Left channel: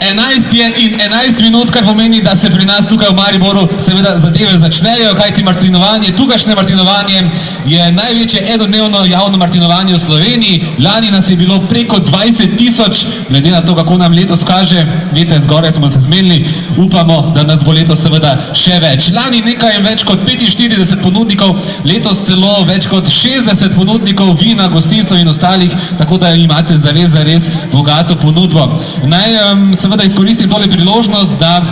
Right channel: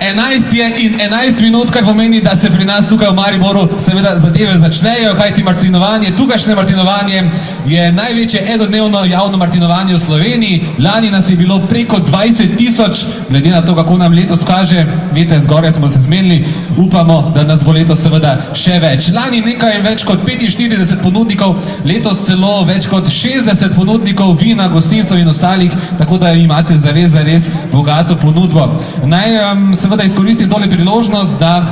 11 je in 11 minut, kar pomeni, da se pri nas tukaj v Mariboru seveda zadeve začnejo, kajti martinovanje, tukajšnje martinovanje je največje enodnevno javno martinovanje v Sloveniji. Lani nas je bilo preko 20 tisoč, glede na to, kako nam letos kaže, veste, zgoraj smo se zmenili, upamo, da nas bo letos seveda še več. Lani nekaj več kot 45 ponudnikov, letos celo več kot 60 ponudnikov vina, gostincev in ostalih, tako da imate zares bogato ponudbo. Naj seveda izkoristim tole priložnost, da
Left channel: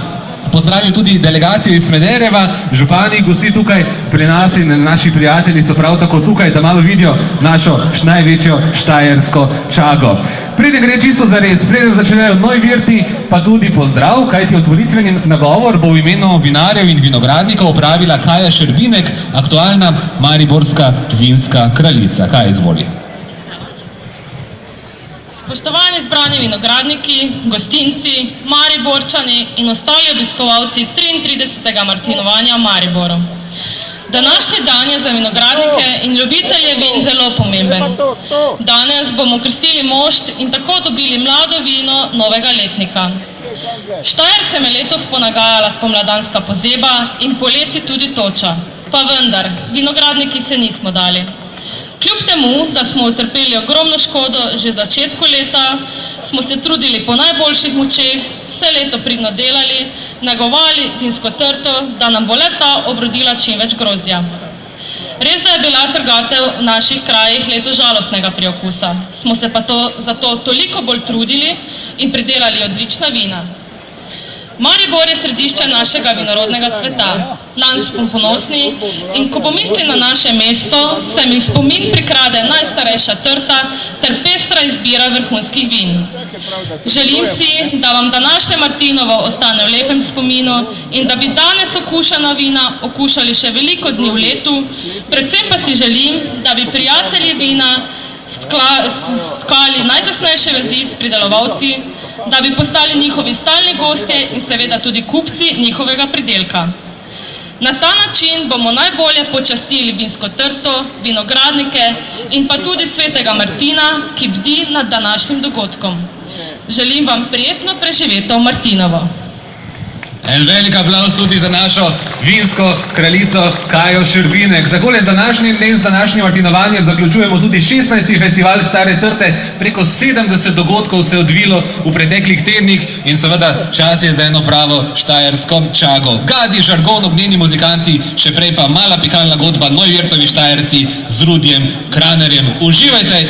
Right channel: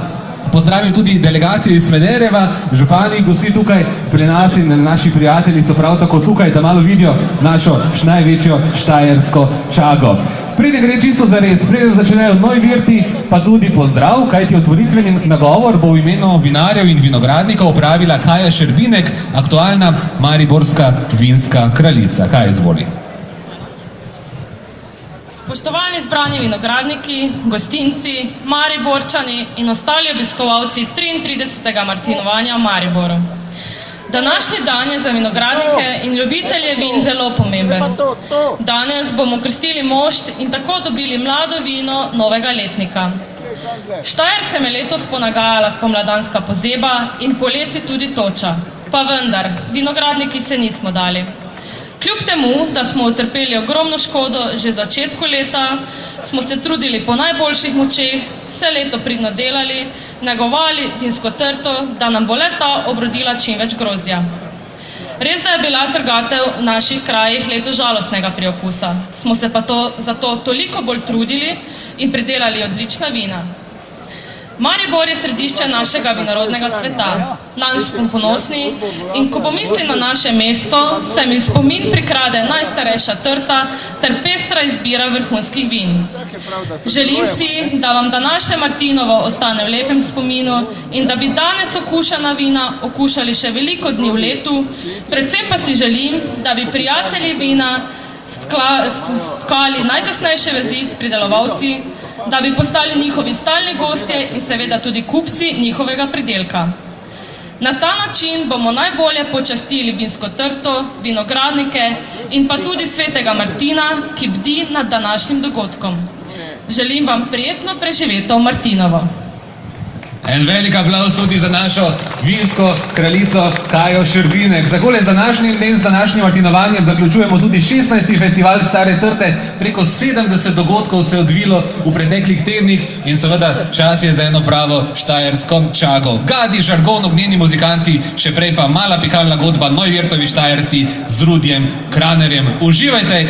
pozdravim tudi delegacijo iz Smedereva, župani, gosti tukaj pri nas in naši prijatelji so prav tako tukaj, da malo vidijo našo največjo štajersko čago. Preden gre čisto zares, preden začnejo novi virti, pa tudi pozdrav, kajti otvoritveni nagovor bo v imenu vinarjev in vinogradnikov opravila Kaja Šerbinek, aktualna mariborska vinska kraljica. Kaj izvoli? Spoštovani zbrani vinogradniki, gostinci, Mariborčani in ostali obiskovalci 33. martinovanja v Mariboru. Današnji dan je za vinogradnike in ljubitelje vin zelo pomemben. Danes bomo krstili mošt in tako dobili mlado vino novega letnika. Štajercem je letos ponagajala spomladanska pozeba in poleti tudi toča. Pa vendar, vinogradniki se nismo dali. Kljub temu, da smo utrpeli ogromno škodo že v začetku leta, smo se trudili po najboljših močeh, vse leto pridno delali, negovali vinsko trto, da nam bo le-ta obrodila čim več grozdja. Res, da je bila trgatev v naših krajih leto žalostnega priokusa, smo se pa zato toliko bolj trudili in pridelali odlična vina. Maribor je središče našega vinorodnega sveta. Nanj smo ponosni in ko pomislim na naše mesto, se mi v spomin prikrade najstarejša trta ter pestra izbira vrhunskih vin. Želim si, da vam današnje Martinovo ostane v lepem spominu in da bi danes okušana vina okušali še veliko dni v letu, predvsem pa si želim, da bi prijatelji vina stkali najtesnejše vezi s pridelovalci, da bi postali njihovi stalni gostje in seveda tudi kupci njihovega pridelka. Na ta način bomo najbolje počastili vinsko trto, vinogradnike in pa tudi svetega Martina, ki bdi nad današnjim dogodkom. Želim vam prijetno preživeto Martinovo. En velik aplauz tudi za našo vinsko kraljico Kajo Šerbinek. Takole z današnjim dnem, z današnjim martinovanjem zaključujemo tudi 16. festival Stare trte. Preko 70 dogodkov se je odvilo v preteklih tednih in seveda čas je za eno pravo štajersko čago. Gadi, žargon, ognjeni muzikanti, še prej pa mala pihalna godba, novi virtovi štajerci z Rudjem Kranerjem. Uživajte!